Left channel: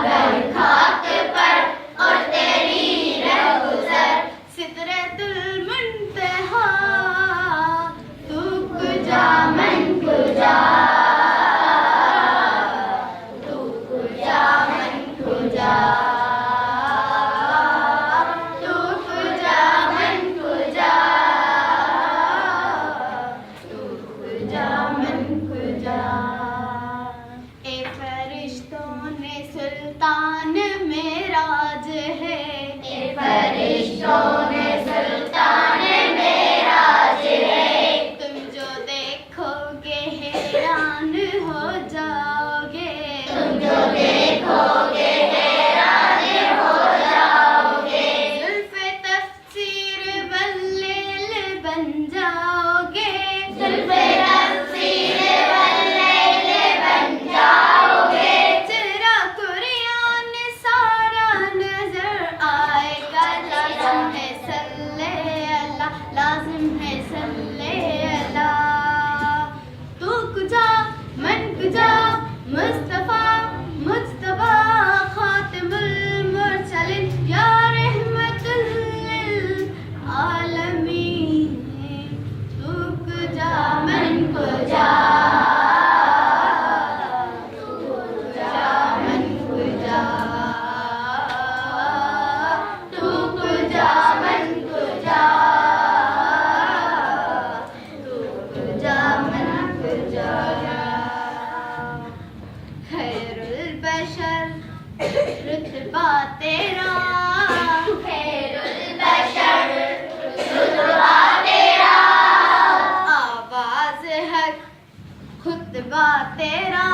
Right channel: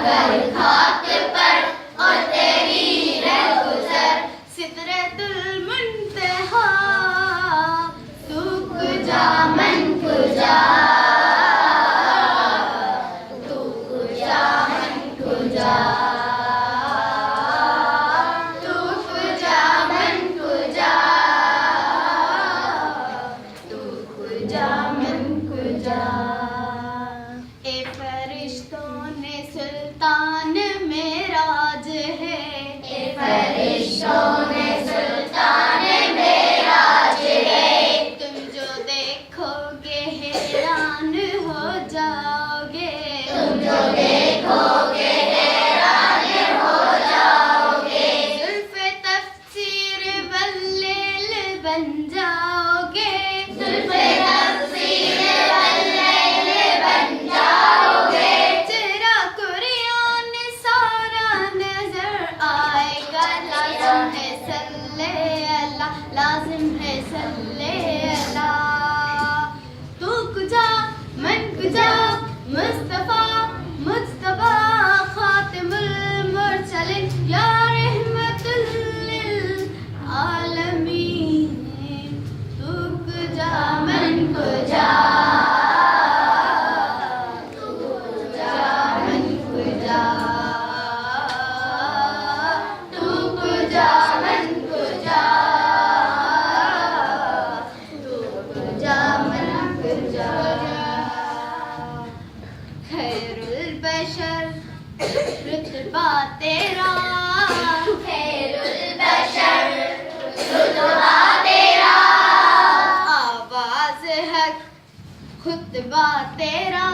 अगर खाक पर और तेरी रहगुज़र सिदरतुल मुंतहा तू कुजा मन कुजा तू कुजा मन कुजा तू कुजा मन कुजा तू कुजा मन कुजा ए फरिश्तों ने सुल्तान मेराज है ए फरिश्तों ने सुल्तान मेराज है तुम जो देखोगे हैरान हो जाओगे तुम जो देखोगे हैरान हो जाओगे जुल्फ़े तफ़सीर वल्लैल बन जाओगे जुल्फ़े तफ़सीर वल्लैल बन जाओगे चेहरा कुरान सारा नजर आएगा लाज़िम है सल्ले अल्लाह लाज़िम है सल्ले अल्लाह तू कुजा मन कुजा मुस्तफा मुज्तबा खातिमुल मुरसलीन या रहमतुल लिल आलमीन तू कुजा मन कुजा तू कुजा मन कुजा तू कुजा मन कुजा तू कुजा मन कुजा खैरुल बशर रुतबा तेरा खैरुल बशर रुतबा तेरा आवाज़ हक खुतबा तेरा